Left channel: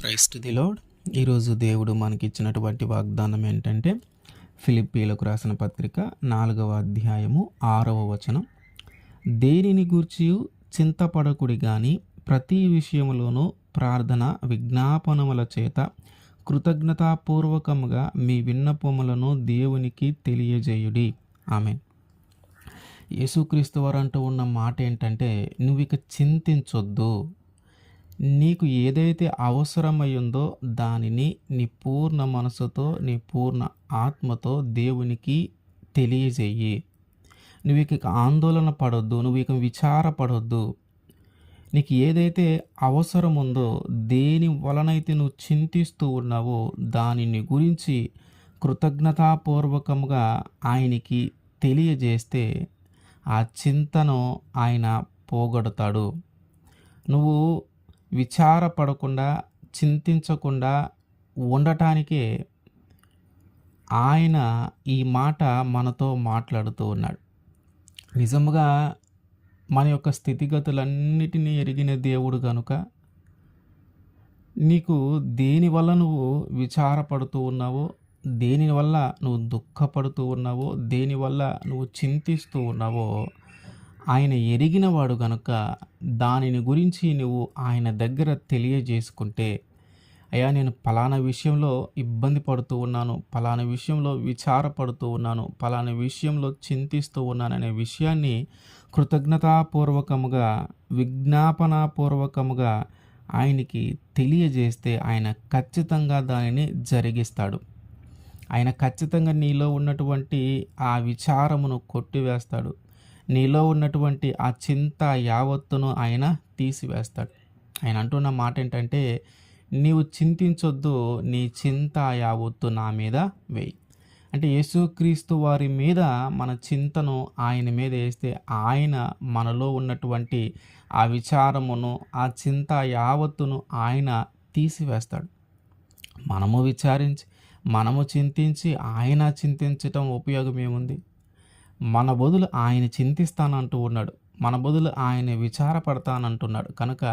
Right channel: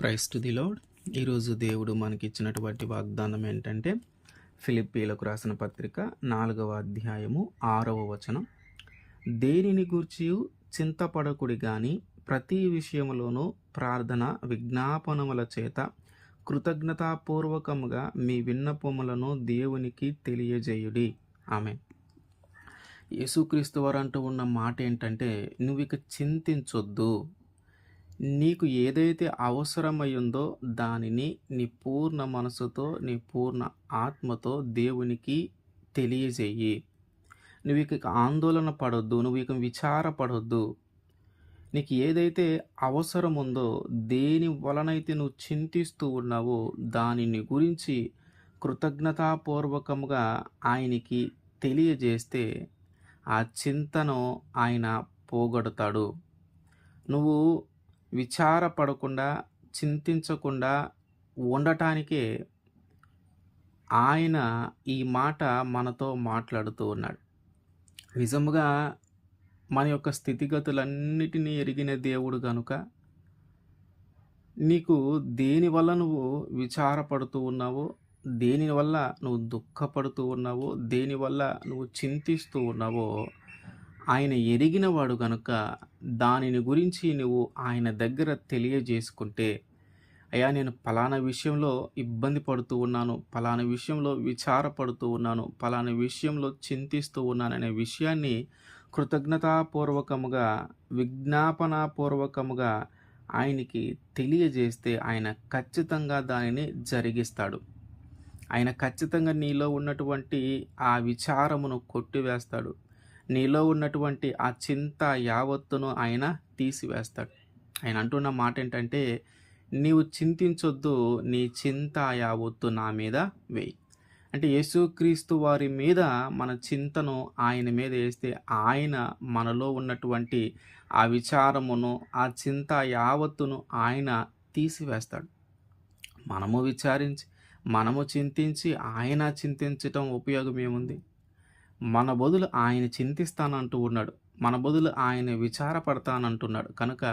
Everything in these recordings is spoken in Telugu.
Praise to the lord. ఈరోజు దేవుడు మనకిచ్చినటువంటి వాగ్దానం ఏంటంటే, ఫిలిప్పీలకు రాసిన పత్రిక 4వ అధ్యాయము 6వ వచనం. దేనిని గూర్చియు చింతపడకుడి గాని ప్రతి విషయములోనూ ప్రార్థన విజ్ఞాపనముల చేత కృతజ్ఞతాపూర్వకముగా మీ విన్నపములను దేవునికి తెలియజేయుడి. ఆమేన్. యేసుక్రీస్తు వారు అంటూ ఉన్న మాట ఏంటంటే, నువ్విక చింతించొద్దు. నీకు ఏదైతే అవసరమయ్యిందో దానిని నీ పూర్ణ మనసుతో, నీ పూర్ణ ఆత్మతో దేవునికి తెలియజేయి. నువ్వు ఇక ఆందోళన పడొద్దు, నువ్వు ఇక విచారపడొద్దు. నీకు ఏదైతే అవసరం ఉందో, దేని వలనైతే నువ్వు చింతిస్తూ ఉన్నావో దానిని గురించి కృతజ్ఞతాపూర్వకముగా ఆయనకి తెలియజేస్తే ఆ చింతను ఆయన పోగొడతాడు. నువ్వు విచారపడకుండా, చింతించకుండా ఉండటానికే ఆయన ఈ మాట మనతో మాట్లాడుతూ ఉన్నాడు. నిజముగా మన యొక్క స్థితిగతులన్నిటినీ ఎరిగిన దేవుడు గనుక నీకు దేనివల్ల నువ్వు విచారపడుతూ ఉన్నావో, దేనివల్ల నువ్వు దుఃఖపడుతూ ఉన్నావో, దేనివల్ల నువ్వు చింతిస్తూ ఉన్నావో ఆయన ఎరిగినవాడు గనుక దానిని గురించి నువ్వు ఆయన దగ్గర తెలియజేసుకుంటే, అయ్యా నేను పలానా విషయంలో ఇబ్బంది పడుతూ ఉన్నాను, పలానా విషయంలో విచారపడుతూ ఉన్నాను, పలానా విషయంలో చింతిస్తూ ఉన్నాననే విషయాన్ని కృతజ్ఞతాపూర్వకముగా, విజ్ఞాపనాపూర్వకముగా ఆయనకి తెలియజేస్తే ఆయన ఖచ్చితంగా దానిని జరిగిస్తాడు. ఆయన ఖచ్చితంగా నీలో ఉన్నటువంటి ఆ విచారమును కొట్టివేస్తాడు. నీలో ఉన్నటువంటి ఆ చింత యావత్తును ఆయన తీసివేస్తాడు. ఆయన అంటున్న మాట ఏంటంటే, నీవు చింతించొద్దు, నీ చింత యావత్తు నా మీద వేయి. అంటే యేసుక్రీస్తు వారి మీద మన చింతను ఆయన మీద వేస్తే ఆయన మనలో ఉన్నటువంటి ఆ విచారమును, ఆ చింత యావత్తును ఆయన తీసివేస్తాడు. మనము విచారించి, మనము చింతించి ఆయన చింతించటం ఉపయోగం ఏముంది? మన బదులు ఆయన చింతిస్తానంటూ ఉన్నాడు. మన బదులు ఆయన విచారపడతానంటున్నాడు. కనుక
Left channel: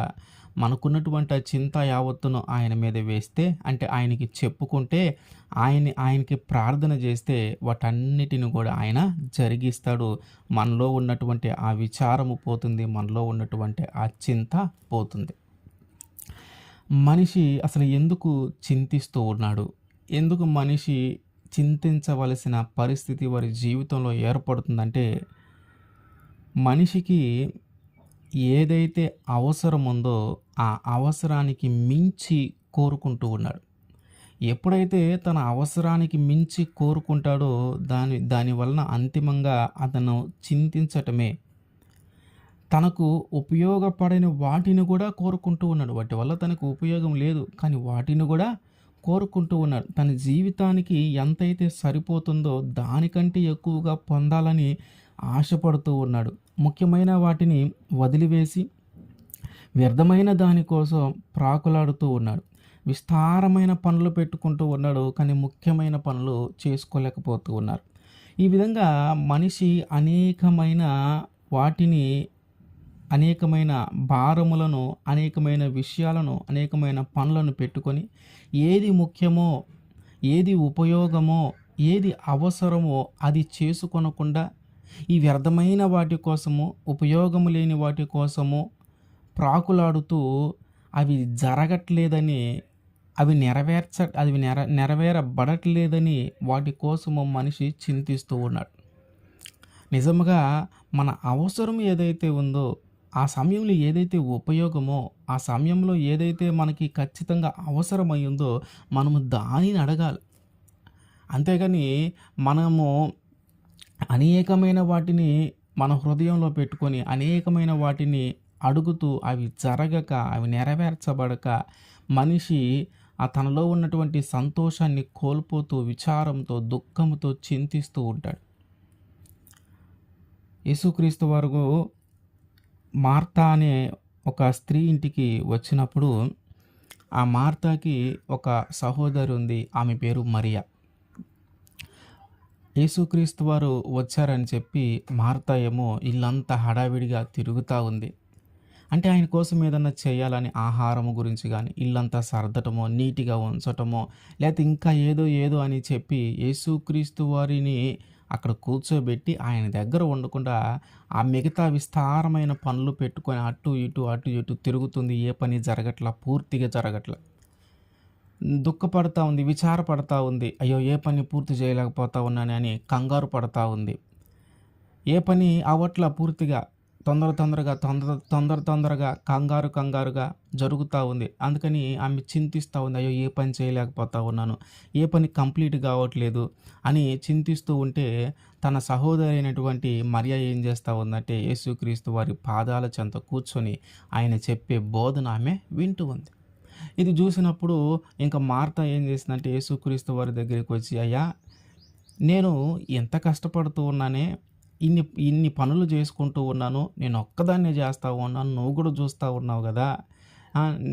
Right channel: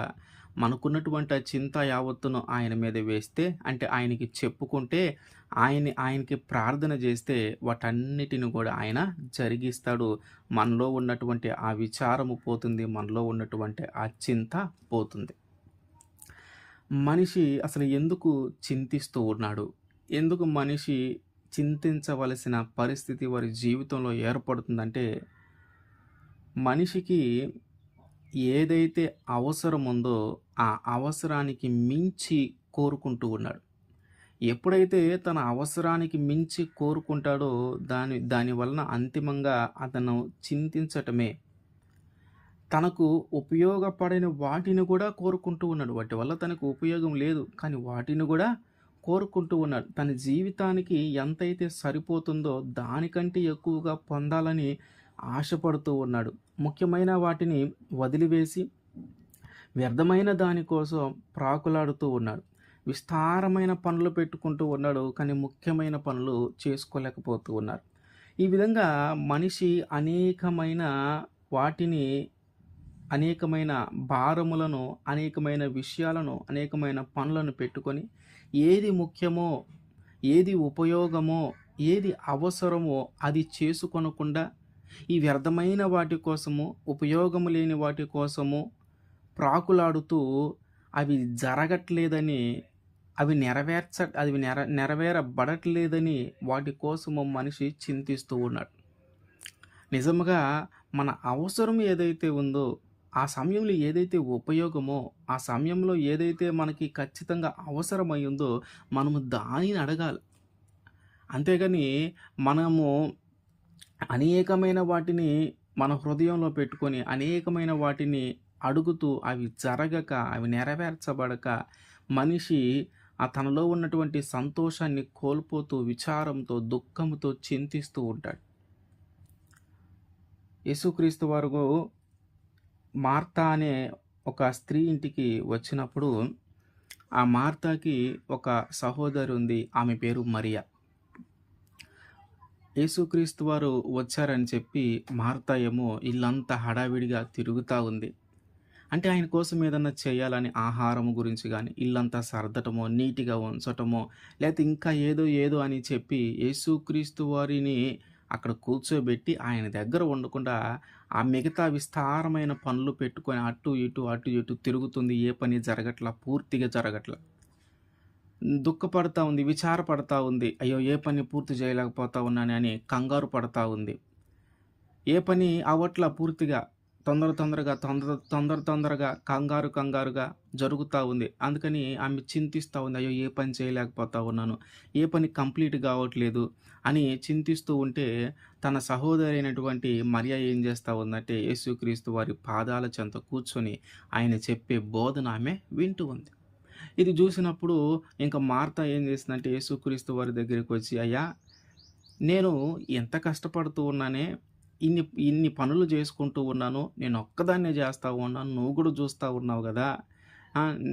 మనకున్నటువంటి ఆ చింత యావత్తును ఆయన మీద వేస్తే, అంటే ఆయనకి చెప్పుకుంటే, ఆయనకి ప్రార్థన చేస్తే వాటన్నిటిని కూడా ఆయన జరిగిస్తాడు. మనలో ఉన్నటువంటి ఆ విచారము పోతుంది, మనలో ఉన్నటువంటి ఆ చింత పోతుంది. మనిషి అసలు ఎందుకు చింతిస్తూ ఉన్నాడు? ఎందుకు మనిషి చింతించవలసిన పరిస్థితి వారి జీవితంలో ఏర్పడుతుందంటే, మనిషికి ఏదైతే అవసరం ఉందో ఆ అవసరానికి మించి కోరుకుంటూ ఉన్నాడు. ఎప్పుడైతే తన అవసరానికి మించి కోరుకుంటాడో దాని వలన అంతిమంగా అతను చింతించటమే. తనకు ఉపయోగపడని వాటిని కూడా కోరుకుంటూ ఉన్నాడు. వాటి వల్ల తనకు ఉపయోగం లేదు, కానీ వాటిని కూడా కోరుకుంటూ ఉన్నాడు. తన జీవితానికి ఎంతైతే సరిపోతుందో దానికంటే ఎక్కువగా పొందాలని ఆశపడుతూ ఉన్నాడు. ముఖ్యమైన వాటిని వదిలివేసి వ్యర్థమైన దానికోసం ప్రాకులాడుతూ ఉన్నాడు. విస్తారమైన పనులు పెట్టుకుంటూ ఉన్నాడు, కానీ ముఖ్యమైన పనులు చేసుకోలేకపోతూ ఉన్నారు. ఈ విధంగా మనిషి అనేకమైన వాటిని, అనేకమైన భారములను, అనేకమైన విషయాలను, అనేకమైన పనులను పెట్టుకొని ఏది ముఖ్యమో, ఏది ఉపయోగమో, ఏది అవసరమో అది చేసుకొనకుండా ఈ వ్యర్థమైన వాటి కోసము, ఉపయోగము లేని వాటి కోసము ప్రాకులాడుతూ అవి జరగట్లేదని, అవి నెరవేరబడట్లేదని వాటి కోసము మనిషి చింతిస్తూ ఉన్నాడు. నిజముగా మన అవసరం ఏదైతే ఉందో, ఆ సమయంలో ఏదైతే ఉపయోగమో, ఆ సమయంలో ఏదైతే మనకి ఖచ్చితంగా అవసరమైందో మనము దానిని అడగాలి. అంతేగాని మనము అనేకమైన వాటిని మన హృదయంలో పెట్టుకొని, అనేకమైన వాటిని అడుగుతూ అవి జరగక, అవి నెరవేర్చబడక మనిషి తనలో ఉన్నటువంటి సంతోషాన్ని కోల్పోతూ, విచారంతో, దుఃఖంతో చింతిస్తూ ఉంటాడు. యేసుక్రీస్తు వారు మార్తా అనే ఒక స్త్రీ ఇంటికి వచ్చినప్పుడు, ఆ మార్తాకి ఒక సహోదరి ఉంది. ఆమె పేరు మరియా. యేసుక్రీస్తు వారు వచ్చారని చెప్పి మార్తా ఏమో ఇల్లంతా హడావిడిగా తిరుగుతూ ఉంది. అంటే ఆయన కోసం ఏదన్నా చేయాలని ఆహారం గురించి గానీ, ఇల్లంతా సర్దటమో, నీట్‌గా ఉంచటమో, లేతే ఇంకా ఏదో ఏదో అని చెప్పి యేసుక్రీస్తు వారిని అక్కడ కూర్చోబెట్టి ఆయన దగ్గర ఉండకుండా ఆ మిగతా విస్తారమైన పనులు పెట్టుకొని అటు ఇటు, అటు ఇటు తిరుగుతుంది. ఏ పని జరగట్ల. పూర్తిగా జరగట్ల. దుఃఖపడతా ఉంది. విచారపడతా ఉంది. అయ్యో! ఏ పని పూర్తి చేయలేకపోతా ఉన్నానని కంగారు పడతా ఉంది. ఏ పని అవ్వట్ల పూర్తిగా. తొందరగా, కంగారుగా జరుగుతా ఉంది. అందుకని ఆమె చింతిస్తా ఉంది. అయ్యో! ఏ పని చేయలేకపోతా ఉన్నాను. ఏ పని కంప్లీట్ కావట్లేదు అని చింతిస్తూ ఉంటే, తన సహోదరి అయినటువంటి మరియ ఏం చేస్తా ఉందంటే, యేసుక్రీస్తు వారి పాదాల చెంత కూర్చొని ఆయన చెప్పే బోధన ఆమె వింటూ ఉంది. ఇది చూసినప్పుడు ఇంక మార్త ఏం చేసిందంటే, యేసుక్రీస్తు వారి దగ్గరికి వచ్చి, అయ్యా! నేను ఎంత కష్టపడుతూ ఉన్నానే, ఇన్ని ఇన్ని పనులు చేసుకుంటూ ఉన్నాను. నేనొక్కదాన్నే చేస్తా ఉన్నాను. నువ్వు కూడా చూస్తా ఉన్నావు గదా!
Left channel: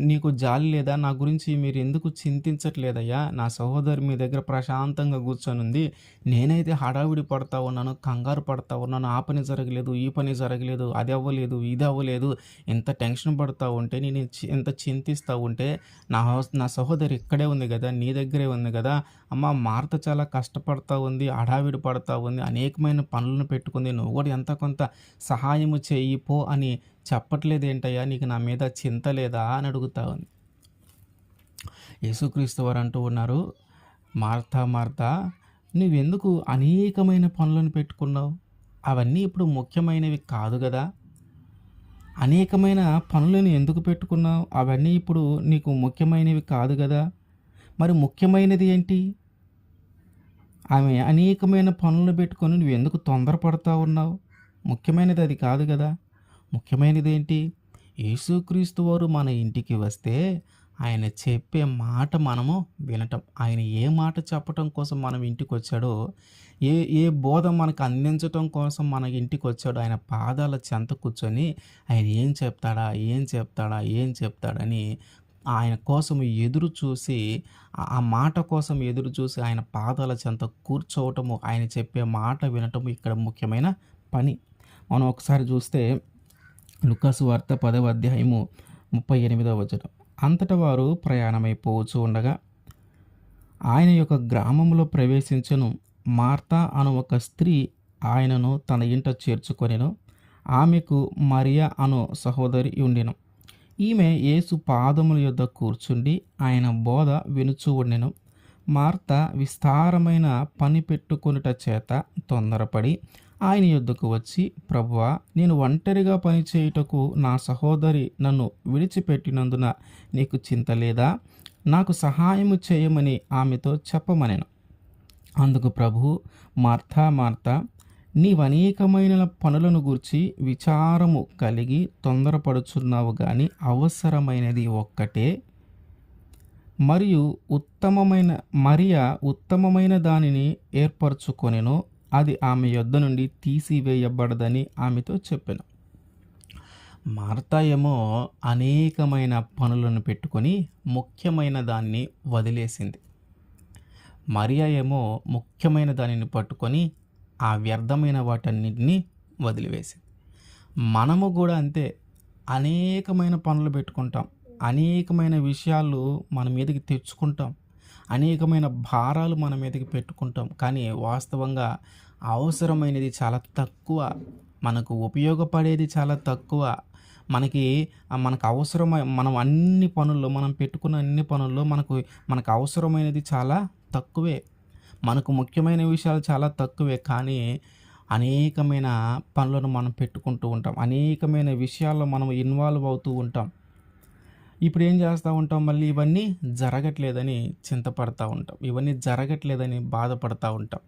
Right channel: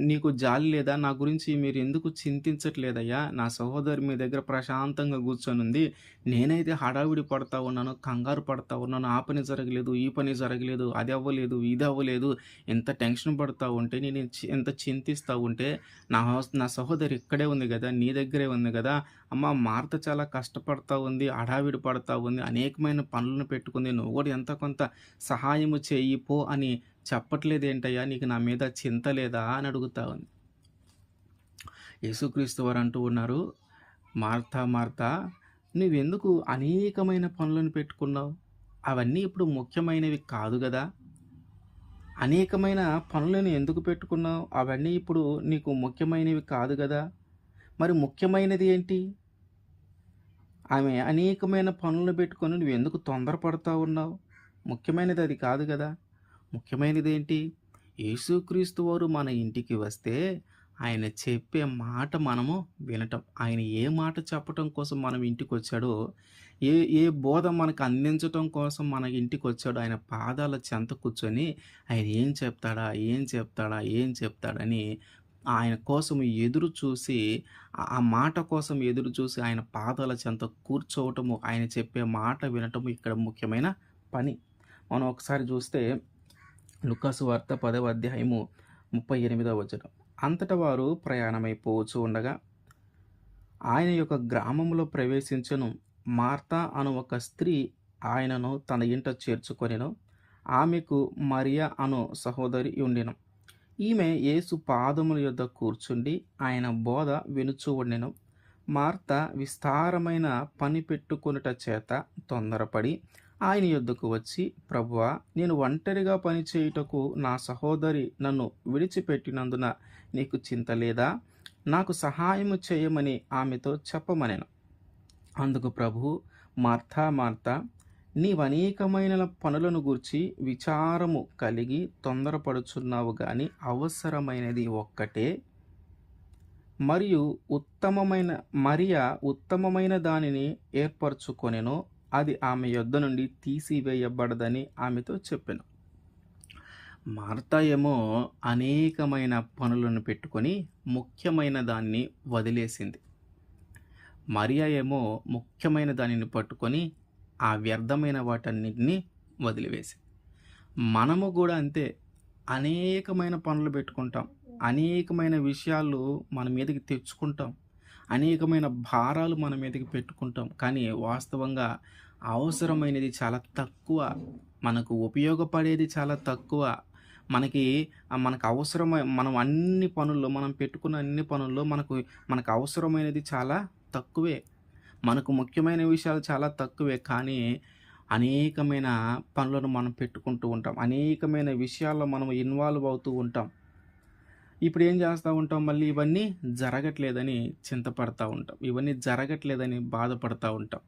నీకు జాలి లేదా? నా గురించి మీరెందుకు చింతించట్లేదయ్యా? నా సహోదరి మీ దగ్గర ప్రశాంతంగా కూర్చొనుంది. నేనైతే హడావిడి పడతా ఉన్నాను. కంగారు పడతా ఉన్నాను. ఆ పని జరగలేదు, ఈ పని జరగలేదు, అది అవ్వలేదు, ఇది అవ్వలేదు. ఇంత టెన్షన్ పడతా ఉంటే, నేను ఇంత చింతిస్తా ఉంటే, నా సహోదరి ఇక్కడే ఉంది గదా! నీ దగ్గరే ఉంది గదా! అమ్మ మార్త చాలా కష్టపడతా ఉంది. హడావిడి పడతా ఉంది. అనేకమైన పనులను పెట్టుకుంది. నువ్వు కూడా ఎంతో కొంత సహాయము చెయ్యి పో అని చెప్పట్లేదేంటయ్యా? నీకు నా మీద చింత లేదా? అని అడుగుతా ఉంది. యేసుక్రీస్తు వారు అంటూ ఉన్నారు, మార్తా మార్తా, నువ్వెందుకు అనేకమైన పనులను పెట్టుకున్నావు? అవన్నీ ఇప్పుడు ముఖ్యమైనవి కాదు గదా! అనేకమైన పనులను ఎందుకు పెట్టుకున్నావు? అవన్నీ ఇప్పుడు నీకు ముఖ్యమైనవి కాదు గదా! మరి ముఖ్యమైనది ఏంటి? ఆమె అనేకమైన పనులు పెట్టుకొని నువ్వెందుకు తొందరపడతా ఉన్నావు? ముఖ్యమైనది అది కాదు గదా! ముఖ్యమైనదేంటి? యేసుక్రీస్తు వారు మన ఇంటికి వస్తే ఆయన చెప్పే మాట మనము వినటం. ఆయన ఏ మాట చెప్పటం కోసం మనం ఇంటికొచ్చాడో, ఏ ఏ బోధ మనకు అందించటం కోసం మన ఇంటికొచ్చాడో ఆయన పాదాల చెంత కూర్చొని ఆయన ఏం చెప్తాడా? ఏం చెప్తాడా? ఏం చెప్తాడని ఆయన కోసం ఎదురు చూసి, ఆ మాట కోసం ఎదురు చూసి ఆయన పాదాల చెంత కూర్చోవటము, ఆయన చెప్పే మాట వినటము ఇక్కడ ముఖ్యమైన పని. మనం ఒకసారి చూస్తే లూకాసు వార్త 10వ అధ్యాయము 38వ వచనం. అంతటా వారు ప్రయాణమైపోవచ్చు ఉండగా ఆయన యొక్క గ్రామంలో ప్రవేశించెను. మార్తా అను ఒక స్త్రీ ఆయనను తన ఇంట చేర్చుకొనెను. ఆమెకు మరియ అను సహోదరి ఉండెను. ఈమె యేసు పాదముల యొద్ద కూర్చుండి ఆయన బోధ వినుచూ ఉండెను. మార్త విస్తారమైన పని పెట్టుకొనుట చేత తొందరపడి ఆయన యొద్దకు వచ్చి, ప్రభువా, నేను ఒంటరిగా పని చేయుటకు నా సహోదరి నన్ను విడిచిపెట్టినందున నీకు చింత లేదా? నాకు సహాయము చేయమని ఆమెతో చెప్పమనెను. అందుకు ప్రభువు, మార్తా మార్తా, నీవనేకమైన పనులను గూర్చి విచారము కలిగి తొందరపడుచున్నావు గాని అవసరమైనది ఒక్కటే, మరియు ఉత్తమమైన దానిని ఏర్పరచుకొనెను. అది ఆమె యొద్ద నుండి తీసివేయబడదని ఆమెతో చెప్పెను. మార్తా ఏమో అనేకమైన పనులను పెట్టుకొని ముఖ్యమైన దాన్ని వదిలేసింది. మరియ ఏమో ముఖ్యమైన దానిని పట్టుకొని ఆ వ్యర్థమైన వాటన్నిటిని వదిలివేసింది. మనము కూడా అంతే. అనేకమైన పనులు పెట్టుకుంటాం. అనేకమైన విషయాలు మన మీదకి తెచ్చుకుంటాం. అనేకమైన భారాలు మన మీదకి పెట్టుకుంటాం. కానీ వాస్తవంగా అవసరమైనది చాలా తక్కువ. మనకు ఉపయోగపడేది చాలా తక్కువ. మనకు అవసరమైన మనం పెట్టుకున్న అన్ని పనుల్లో మనకు అవసరమైనది చాలా తక్కువే. మనకు ముఖ్యమైన విషయాలు చాలా తక్కువే. కానీ అనేకమైన పనులను మనం పెట్టుకుంటూ ఉంటాం. అనేకమైన విషయాల్లో మనం ఇన్వాల్వ్ అవుతూ ఉంటాం. ఇప్పుడు ఏం చేస్తూ ఉంటాం? మళ్ళీ ఇవన్నీ జరగట్లేదని చింతపడతా ఉంటాం. ఇవన్నీ జరగట్లేదని బాధపడతా ఉంటాం.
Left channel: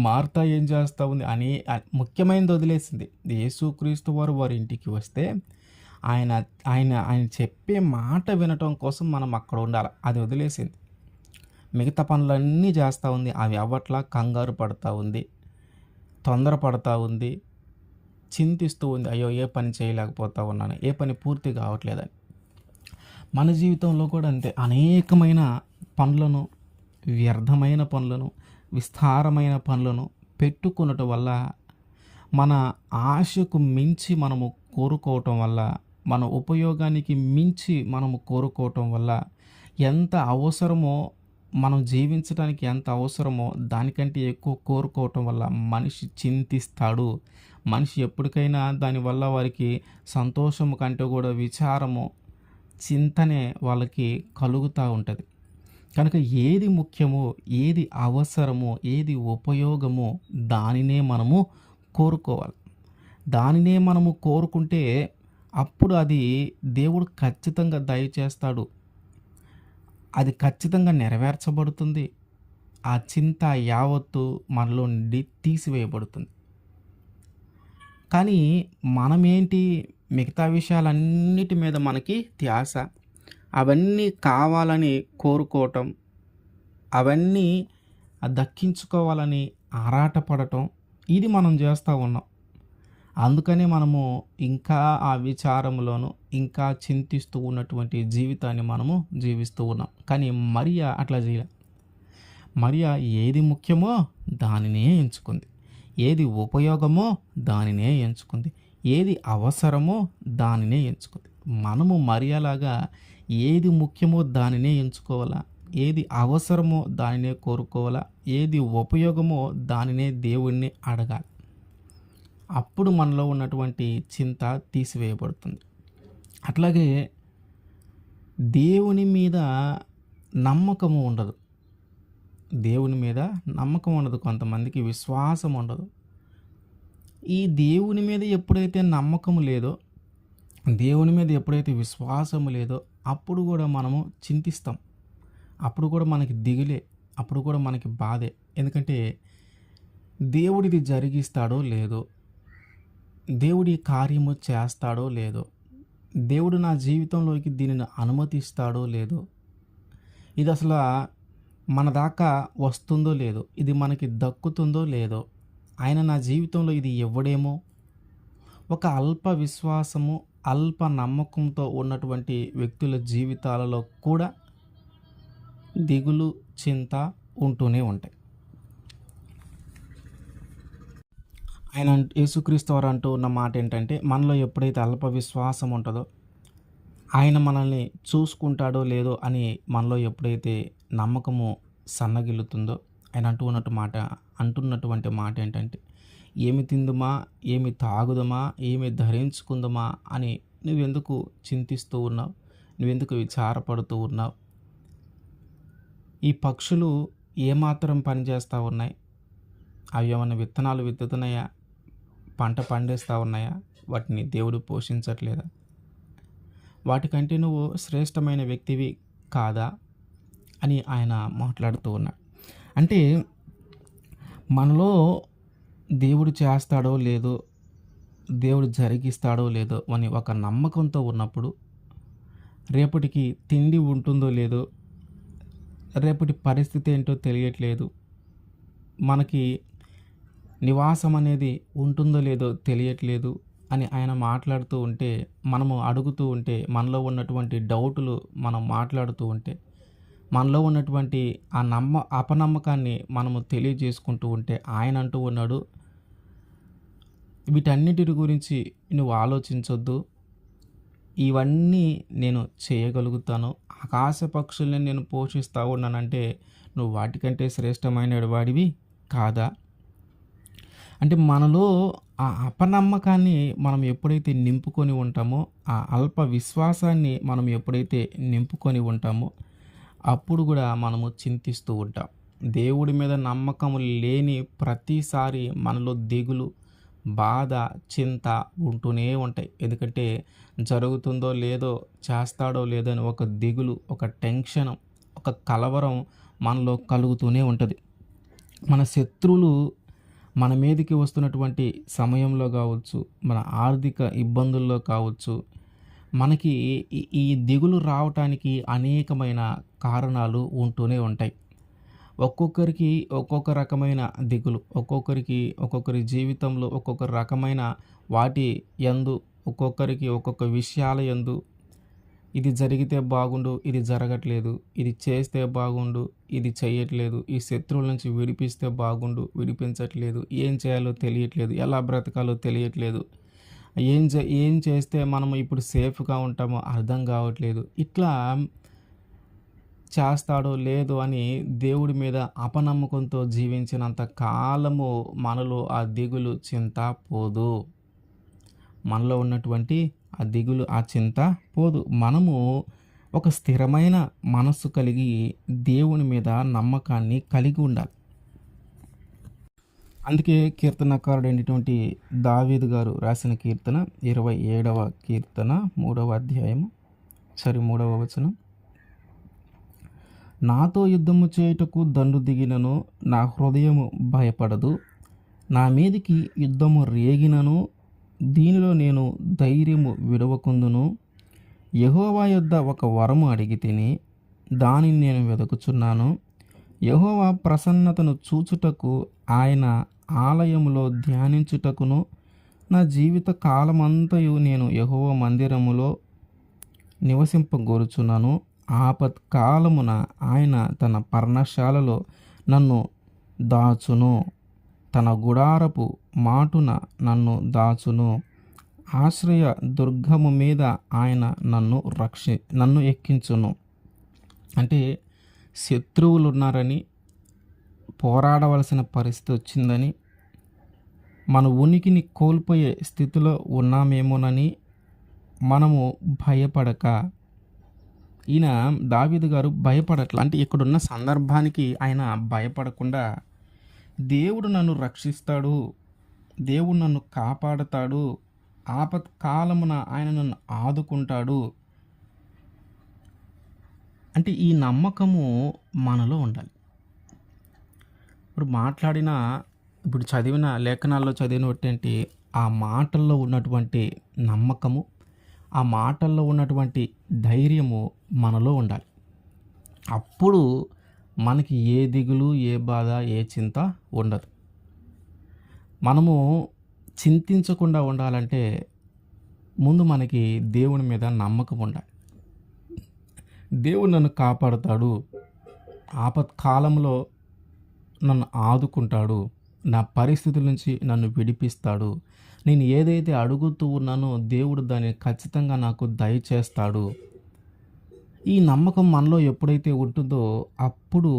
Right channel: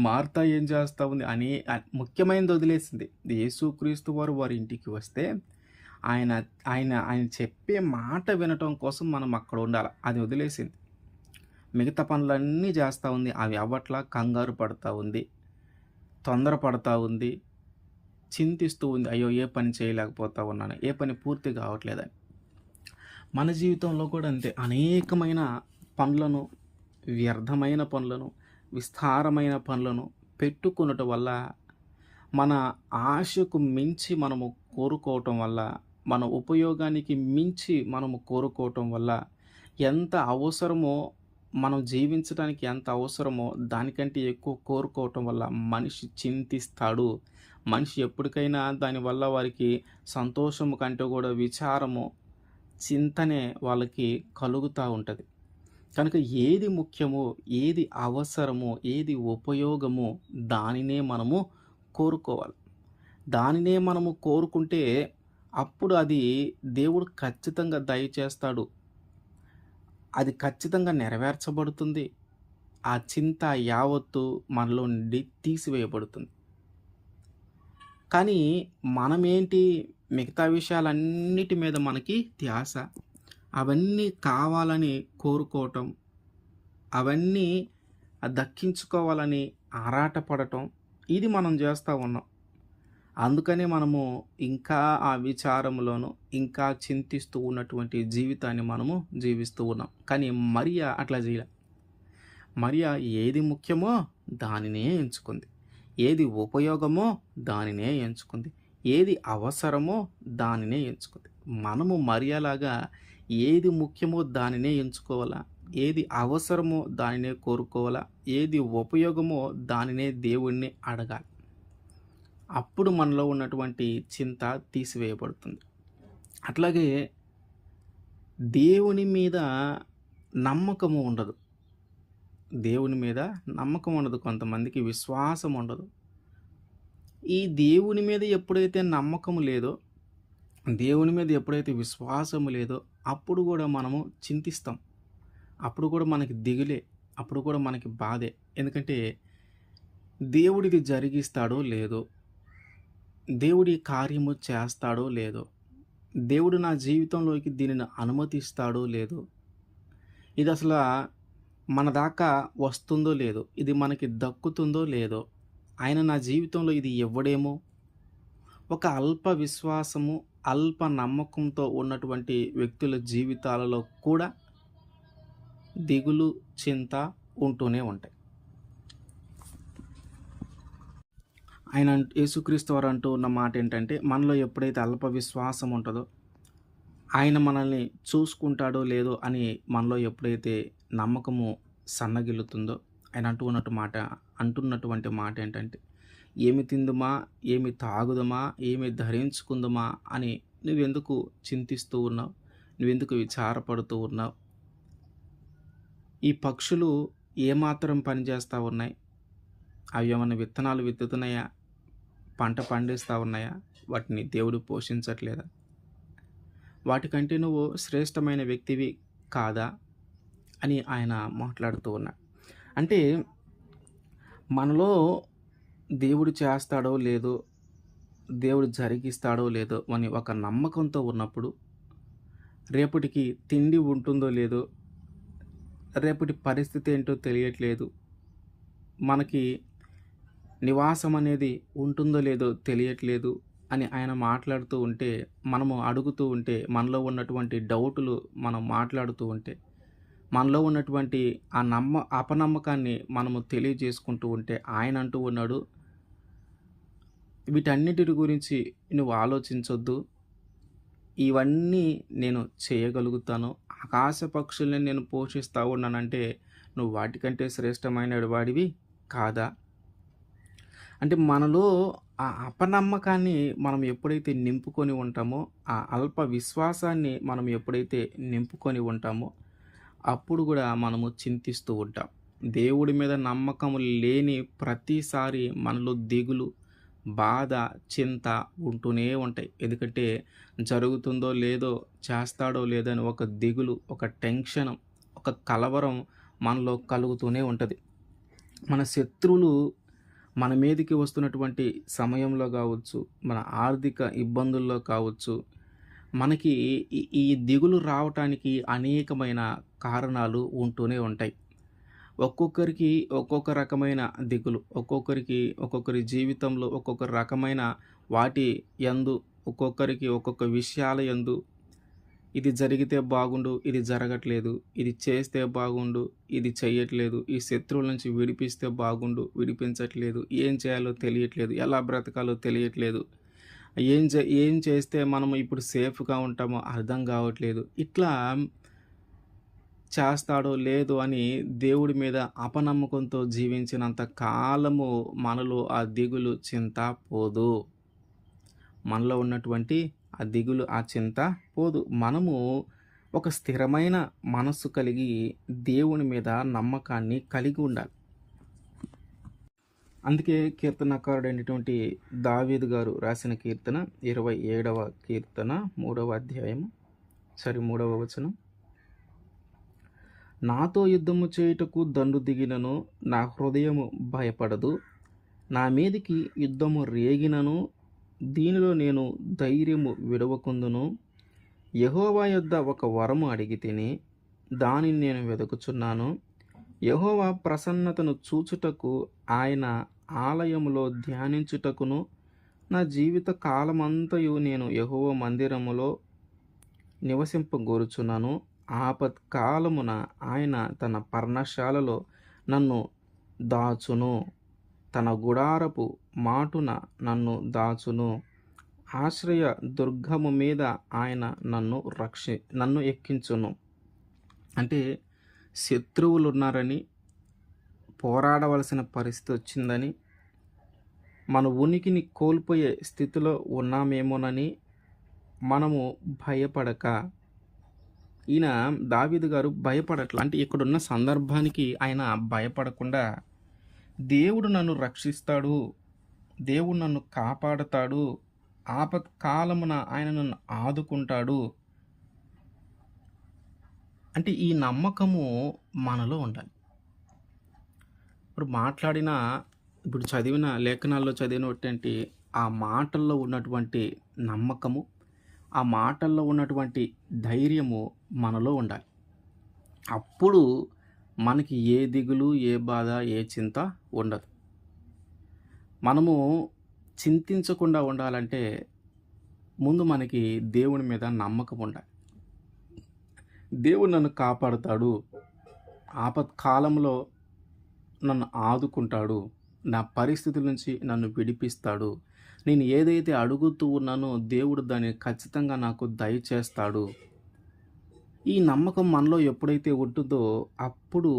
మార్తా ఏం చేస్తూ ఉంది? ముఖ్యమైనది వదిలేసింది. యేసుక్రీస్తు వారి ఇంటికి వస్తే ఆయన ఆయన ఆయన చెప్పే మాట వినటం కోసం మనం అక్కడ ఉండాలి. అది వదిలేసింది. మిగతా పనులన్నీ చేస్తూ ఉంది. అవి అవ్వట్లా. కంగారు పడతా ఉంది, తొందరపడతా ఉంది, చింతిస్తూ ఉంది. అయ్యో, ఏ పని చేయలేకపోతా ఉన్నాను, ఏ పని పూర్తి కావట్లేదని. మన జీవితంలో కూడా అంతే. అనేకమైన పనులను, వ్యర్థమైన పనులను, విస్తారమైన పనులను పెట్టుకున్నట వల్ల మన ఆశకు మించి మనము కోరుకోవటం వల్ల, మన ఉపయోగానికి మించి మనము కోరుకోవటం వల్ల ఎంత అవసరమో, మనం జీవించడానికి ఎంత అవసరమో దానికంటే ఎక్కువ కోరుకోవటం వల్ల మనిషి చింతిస్తాడు. మనిషి ఎప్పటికైనా దానివల్ల వారికి సంతోషము కంటే కూడా విచారము, చింతనే వాళ్ళకి కలుగుతూ ఉంటుంది. కనుక ఏది ముఖ్యమో, ఏది అవసరమో, ఏది ఉపయోగమో దానినే మనము కోరుకోవాలి. దానినే మనము కోరుకుంటే అప్పుడు అది దేవుడు ఖచ్చితంగా దయచేస్తాడు. అది ఖచ్చితంగా నెరవేర్చబడుతుంది. ఆ చింత యావత్తు మనలో నుండి తీసివేయబడుతుంది. కానీ మనమేంటి, మిగతా విషయాలన్నిటి మీద మనకి ధ్యాస. అవన్నీ కావాలని కోరుకోవటం, అవన్నీ దక్కించుకోవాలని ఆరాటపడటం, ఇది మనం చేస్తూ ఉన్నాం. అందుకనే మనము ఇంకా ఆ విచారంలోను, ఇంకా చింతిస్తూ ఉన్నటువంటి జీవితాన్ని మనము జీవిస్తూ ఉన్నాం. కానీ మరియా అట్లా చేయలే. మరియా ఏది ముఖ్యమో దానినే ఎంచుకుంది. ఏది ఉపయోగమో దానినే ఎంచుకుంది. ఏది అవసరమో దానినే ఎంచుకుంది. మనము మరియలాగా ఏది ముఖ్యమో దానినే ఎంచుకోవాలా, ఏది అవసరమో దానినే కోరుకోవాలా, ఏది ఉపయోగమో దానినే దేవుణ్ణి అడగాలి. అప్పుడు మనలో ఉన్నటువంటి చింత తీసివేయబడుతుంది. అట్లాగే దేవుని మీద నమ్మకము ఉండదు. దేవుని మీద నమ్మకం ఉండదు. కొంతమందికి విశ్వాసం ఉండదు. ఈ దేవుని మీద ఎప్పుడైతే నమ్మకము లేదో, దేవుని మీద ఎప్పుడైతే విశ్వాసము లేదో అప్పుడు కూడా మనము చింతిస్తాం. అప్పుడు కూడా మనకి దిగులే, అప్పుడు కూడా మనకి బాధే. ఎందుకంటే దేవుడిది జరిగిస్తాడో లేదో, దేవుడి కార్యము చేస్తాడో లేదో, దేవుడు నా జీవితంలోకి దీనిని అనుమతిస్తాడో లేదో, ఇది అసలు మన దాకా వస్తుందో లేదో, ఇది మనకి దక్కుతుందో లేదో, ఆయన నా జీవితంలో ఇది ఇవ్వడేమో. ఒక అల్ప విశ్వాసము, అల్ప నమ్మకంతో ఉన్నటువంటి వ్యక్తుల జీవితాలలో కూడా దిగులు, చింత ఉంటూనే ఉంటాయి. ఆయన యేసుక్రీస్తు వారు అంటూ ఉన్న మాట ఏంటంటే, మనలో ఎప్పుడైతే అల్ప విశ్వాసం ఉంటుందో, ఆయన మనల్ని చూసుకుంటాడో లేదో అని మనలో ఎప్పుడైతే నమ్మకము సన్నగిల్లుతుందో, ఆయన అంటున్నటువంటి మాట ఏంటంటే, ఏమి తిందుమా, ఏమి తాగుదమా, ఏమి ధరించుకుందామా అని నువ్వెందుకు చింతిస్తూ ఉన్నావు, నువ్వెందుకు విచారపడుతూ ఉన్నావు? ఈ పక్షులు ఏమాత్రం పనిచేస్తూ ఉన్నాయి? అవి ఏమైనా విత్తనాలు విత్తుతున్నాయా, పంట పండిస్తూ ఉన్నాయా? వాటిని దేవుడు పోషించట్లేదా? వాటికంటే నువ్వు శ్రేష్టమైన వ్యక్తివి కాదా అని ఆయన మాట్లాడుతూ ఉన్నాడు. అంటే మనలో దేవుడు చేస్తాడో లేదో, దేవుడు జరిగిస్తాడో లేదో అని ఒక నమ్మకంతో ఉన్నప్పుడు, రేపటికి తిండి ఉంటుందో లేదో, రేపటి పరిస్థితి ఏంటో తెలియట్లేదు, మనకి నివాసం అనేది ఉంటుందో లేదో తెలియట్లేదు అని ఆయన మాట్లాడుతూ ఉంటే, మనము అడుగుతూ ఉంటే, మనలో ఉన్నటువంటి డౌటులు మనం మాట్లాడుతూ ఉంటే, మనలో ఉన్నటువంటి ఆ అపనమ్మకాన్ని మనము తెలియజేసుకుంటూ ఉంటే, ఆయన అంటూ ఉన్నాడు, వీటన్నిటి గురించి నువ్వు ఆలోచించొద్దు, ఇవన్నీ నేను చేయగలుగుతాను. ఆకాశ పక్షుల్ని నేను పోషిస్తూ ఉన్నానంటే నువ్వు వాటికంటే శ్రేష్టమైన వాడివి కాదా? అంటే మనలో ఆ అపనమ్మకాన్ని మనం ఎప్పుడైతే నింపుకొని ఉంటామో, ఆ అల్ప విశ్వాసాన్ని మనం ఎప్పుడైతే నింపుకొని ఉంటామో, అప్పుడు కూడా మనము చింతిస్తూ ఉంటాం. దేవుడి మీద నమ్మకం లేని ప్రతిసారి మనలో దిగులు, బాధ, చింత ఉంటూనే ఉంటాయి. ఎందుకంటే జరుగుతుందో లేదో, చేస్తాడో లేదో అని ఒక దిగులు, ఒక టెన్షన్, ఒక కలవరం మనలో కలుగుతూనే ఉంటుంది. మన శత్రువులు మన మీదకి వస్తున్నటువంటి సమయంలో కావచ్చు, మన ఆర్థిక ఇబ్బందుల్లో కావచ్చు, మనకి ఈ దిగులు రావటానికి అనేకమైన కారణాలు ఉంటూనే ఉంటాయి. ఒక్కొక్కరికి ఒక్కొక్క రకమైన దిగులు, ఒక్కొక్కరి జీవితంలో ఒక్కొక్క రకమైన వాటి యందు, ఒక్కొక్కరికి ఒక్కొక్క విషయాల యందు ఇది జరిగితే బాగుండు, ఇది జరగట్లేదు, ఇది చేస్తే బాగుండు, ఇది చెయ్యట్లేదు, ఈ శత్రువుల నుంచి విడిపిస్తే బాగుండు, విడిపించట్లేదు, ఏం చేయాలో తెలియట్లేదు, ఎలా బ్రతకాలో తెలియట్లేదు, ఏం చేస్తే మనం ఇప్పుడు సేఫ్‌గా ఉంటామో అర్థం కావట్లేదు. ఇట్లా చేస్తాడో లేదో అని దేవుడి మీద అపనమ్మకంతో జీవించినంత కాలము మనలో ఆ దిగులు, చింత పోదు. మనలో ఉన్నటువంటి ఆ దిగులు, ఆ చింత పోదు. మనము ఒక స్థిరమైన మనస్సు కలిగి దేవుని మీద నమ్మకాన్ని కలిగి ఉండాలి. అందుకే కీర్తనకారుడైనటువంటి దావీదు గారు రాసిన కీర్తన 27వ కీర్తన 3వ అధ్యాయము 3వ వచనం. నాతో యుద్ధము చేయుటకు దండు దిగినను నా హృదయము భయపడదు. నా మీదికి యుద్ధము రేగినను దీనిలో నేను ధైర్యము విడవకుందును. యెహోవా యొద్ద ఒక వరము అడిగితిని, దానిని నేను వెదుకుచున్నాను. యెహోవా ప్రసన్నతను చూచుటకు ఆయన ఆలయములో ధ్యానించుటకును నా జీవిత కాలమంతయు నేను యెహోవా మందిరములో నివసింపగోరుచున్నాను. ఆపత్కాలమున ఆయన తన పర్ణశాలలో నన్ను దాచును. తన గుడారపు మాటున నన్ను దాచును. ఆశ్రయ దుర్గము మీద ఆయన నన్ను ఎక్కించును. అంటే శత్రువులు ఉన్నారని, పోరాడవలసిన పరిస్థితి వచ్చిందని, మన ఉనికిని కోల్పోయే స్థితిలో ఉన్నామేమోనని మనము భయపడక, ఈయన దావీదు గారు భయపడట్ల. అంటే ఇక్కడున్న సందర్భానికి ఆయన భయపడకుండా దేవుడు నన్ను రక్షిస్తాడు, దేవుడు నన్ను కాపాడుతాడు, ఆపత్కాలమున ఆయన నన్ను ఆదుకుంటాడు అంటే ఈ నమ్మకము మనలో ఉండాలి. ఇప్పుడు చదివిన లేఖనాల్లో చదివినటువంటి ఆ మాటల్లో ఉన్నటువంటి నమ్మకము, ఆ మాటల్లో ఉన్నటువంటి ధైర్యము మనలో ఉండాలి. అప్పుడు మనకి ఏ దిగులు, ఏ బాధ, ఏ చింత ఉండదు. మనము చింతించకుండా ఉండాలంటే ముందు మనకి దేవుని మీద నమ్మకం ఉండాలి. దేవుడు నన్ను కాపాడుతాడు, ఆపత్కాలంలో నన్ను ఆదుకుంటాడు, నా పరిస్థితుల నుంచి నన్ను విడిపిస్తాడు, నేను ఏదైతే అడుగుతూ ఉన్నానో దేవుడు దాన్ని ఖచ్చితంగా నాకు దయచేస్తాడు. ఈ నమ్మకం మనలో ఎప్పుడైతే ఉంటుందో అప్పుడు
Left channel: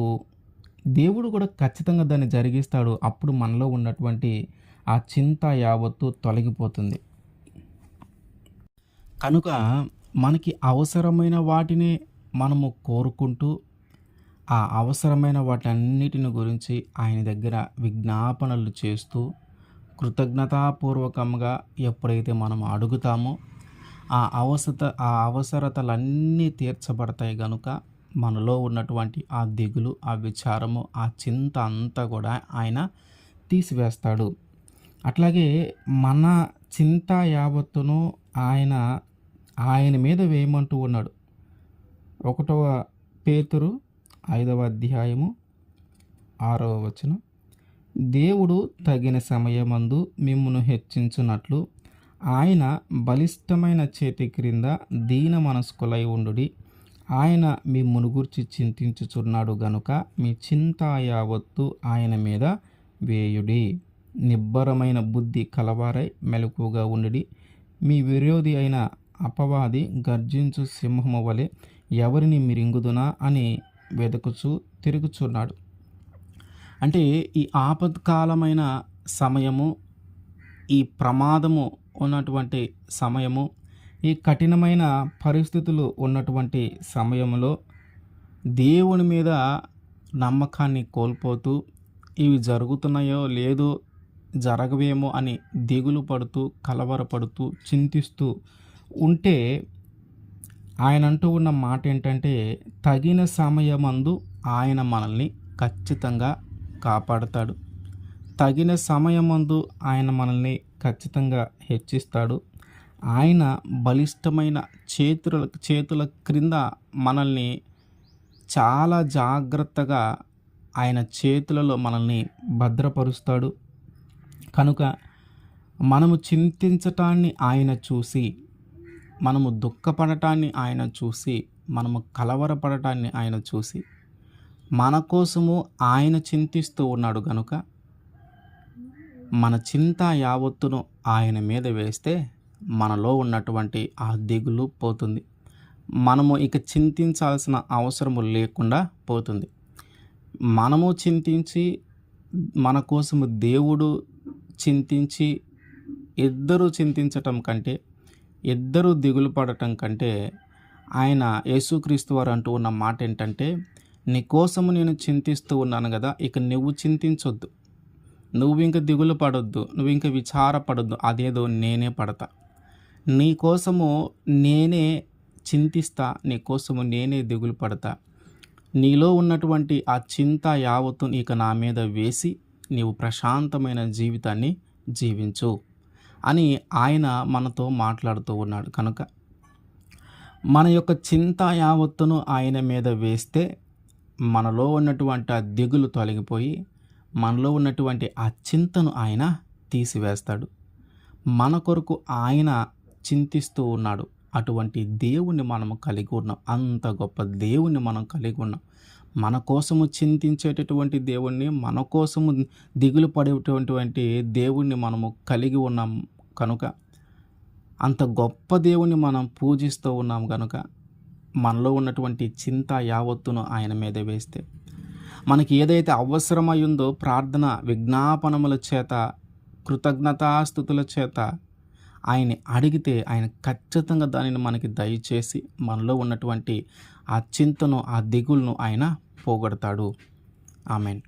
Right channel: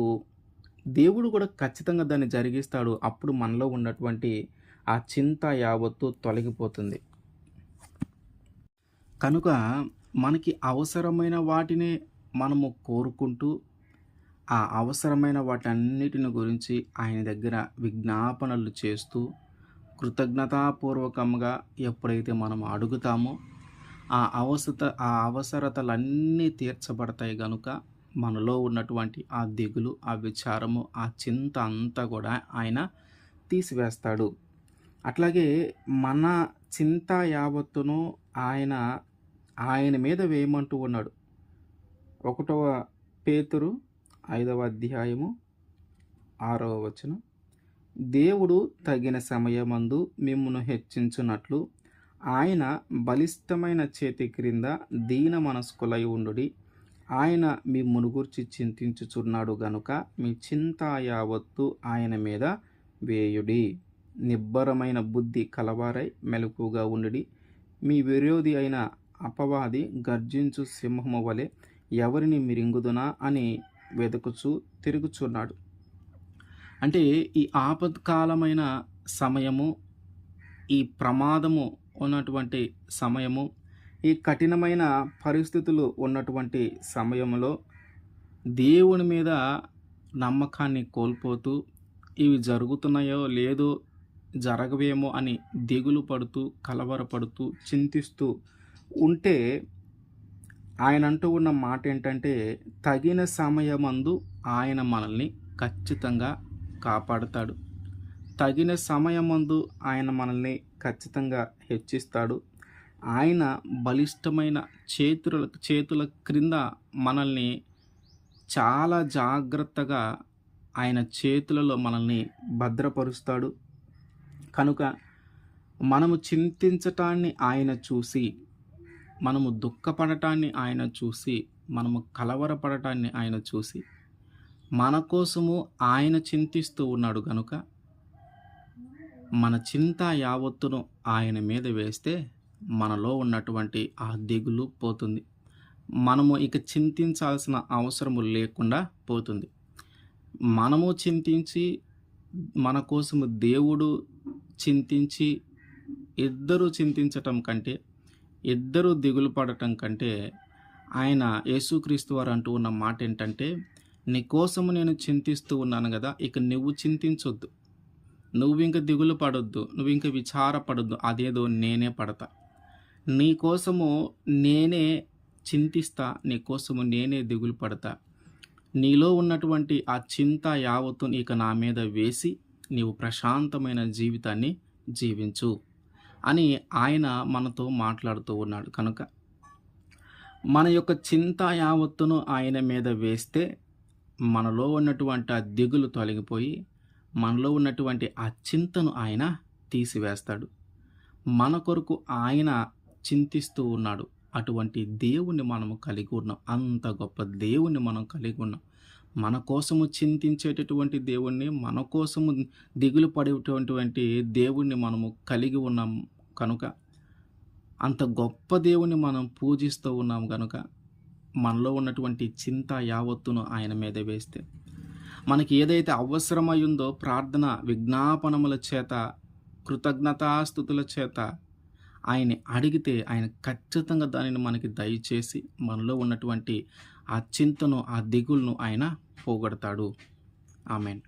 దేవుడు కూడా ఖచ్చితంగా దాన్ని జరిగిస్తాడు. అప్పుడు మనలో ఉన్నటువంటి ఆ చింత యావత్తు తొలగిపోతుంది. కనుక మనకి అవసరమైన వాటినే మనము కోరుకుంటూ ఆ అవసరమైన వాటన్నిటిని గురించి ఆయన దగ్గర విజ్ఞాపనలు చేస్తూ కృతజ్ఞతాపూర్వకంగా ఎప్పుడైతే మనం అడుగుతామో ఆ అవసరతలన్నీ తీర్చబడతాయి. కనుక మనలో ఉన్నటువంటి ఆ దిగులు, ఆ విచారము, ఆ చింత అంతా కూడా ఆయన తీసివేస్తాడు. అట్లాగే మన చింత యావత్తును ఆయన మీద వేయమంటూ ఉన్నాడు. 1వ పేతురు 5వ అధ్యాయము 6వ వచనం. దేవుడు తగిన సమయమందు మిమ్మును హెచ్చించున్నట్లు ఆయన బలిష్టమైన చేతి క్రింద దీన మనస్కులై ఉండుడి. ఆయన మిమ్మును గూర్చి చింతించుచున్నాడు గనుక మీ చింత యావత్తు ఆయన మీద వేయుడి. నిబ్బరమైన బుద్ధి కలవారై మెలకుగా ఉండుడి. మీ విరోధి అయిన అపవాది గర్జించు సింహము వలె ఎవరిని మిరింగుదునా అని వెతుకుచూ తిరుగుచున్నాడు. అంటే ఈ ఆపత్కాలమైన సమయము, ఈ ప్రమాదము ఉన్నటువంటి సమయము, ఈ కఠినమైన పరిస్థితులు ఉన్నటువంటి సమయంలో దేవుని మీద నమ్మకాన్ని కోల్పోతూ ఇవి జరుగుతున్నాయో లేదో, జరగవేమో అని దిగులు పడుతూ, కలవరపడుతూ, చింతిస్తూ ఉంటే ఆయన అంటూ ఉన్న మాట ఏంటంటే, తగిన సమయమందు ఆయన మనల్ని ఖచ్చితంగా కాపాడుతాడు. తగిన సమయమందు ఆయన మనల్ని ఖచ్చితంగా హెచ్చిస్తాడు. ఆయన బలిష్టమైన చేతుల క్రింద మనల్ని చాలా జాగ్రత్తగా ఆయన చేతులలో మనల్ని భద్రపరుస్తాడు. కనుక మనము చింతించటాన్ని ఆయన చూసి, మనము దుఃఖపడటాన్ని ఆయన చూసి, మనము కలవరపడటాన్ని ఆయన చూసి మన కోసము ఆయన చింతిస్తూ ఉన్నాడు. కనుక మన చింత యావత్తును ఆయన మీద వేస్తే మనలో ఉన్నటువంటి ఆ దిగులు పోతుంది. మనము ఇక చింతించాల్సిన అవసరము లేకుండా పోతుంది. మనము చింతించి, మన కోసము దేవుడు చింతించి, ఇద్దరు చింతించటం కంటే, ఇద్దరు దిగులు పడటం కంటే, ఆయన యేసుక్రీస్తు వారు అంటూ ఉన్న మాట ఏంటంటే, నీ కోసము నేను చింతిస్తూ ఉన్నాను గదా! ఇక నువ్వు చింతించొద్దు. నువ్వింక దిగులు పడొద్దు. నువ్వింక విచారపడొద్దు. అదేదో నేనే పడతా. నీ కోసము నేనే చింతిస్తా. నీ కోసము నేనే దిగులు పడతా. నీలో ఉన్నటువంటి ఆ చింత యావత్తు ఇక నా మీద వేసి, నీవు ప్రశాంతమైన జీవితాన్ని జీవించు అని ఆయన మనతో మాట్లాడుతూ ఉన్నాడు. కనుక మన యొక్క చింత యావత్తును ఆయన మీద వేస్తే, మనలో ఉన్నటువంటి ఆ దిగులు తొలగిపోయి, మనలో ఉన్నటువంటి ఆ చింతను ఆయన తీసివేస్తాడు. మన కొరకు ఆయన చింతిస్తూ ఉన్నాడు. అటువంటి దేవుణ్ణి మనము కలిగి ఉన్నాం. అంత గొప్ప దేవుణ్ణి మనం కలిగి ఉన్నాం. మన కోసము చింతించేటటువంటి దేవుణ్ణి, మన కోసము దిగులు పడేటటువంటి దేవుణ్ణి మనము కలిగి ఉన్నాం. కనుక అంత గొప్ప దేవుణ్ణి మనం పూజిస్తూ ఉన్నాం గనుక, మనలో ఉన్నటువంటి చింత యావత్తును ఆయన మీద వేస్తే, మనకి ఏదైతే అవసరమయ్యిందో ప్రార్థన విజ్ఞాపనముల చేత, కృతజ్ఞతాస్తుతుల చేత ఆయన్ని అడిగితే, ఆయన ఖచ్చితంగా దానిని మనకి దయచేసి, మనలో ఉన్నటువంటి ఆ చింతను, ఆ దిగులును ఆయన పోగొడతాడు. ఆమేన్.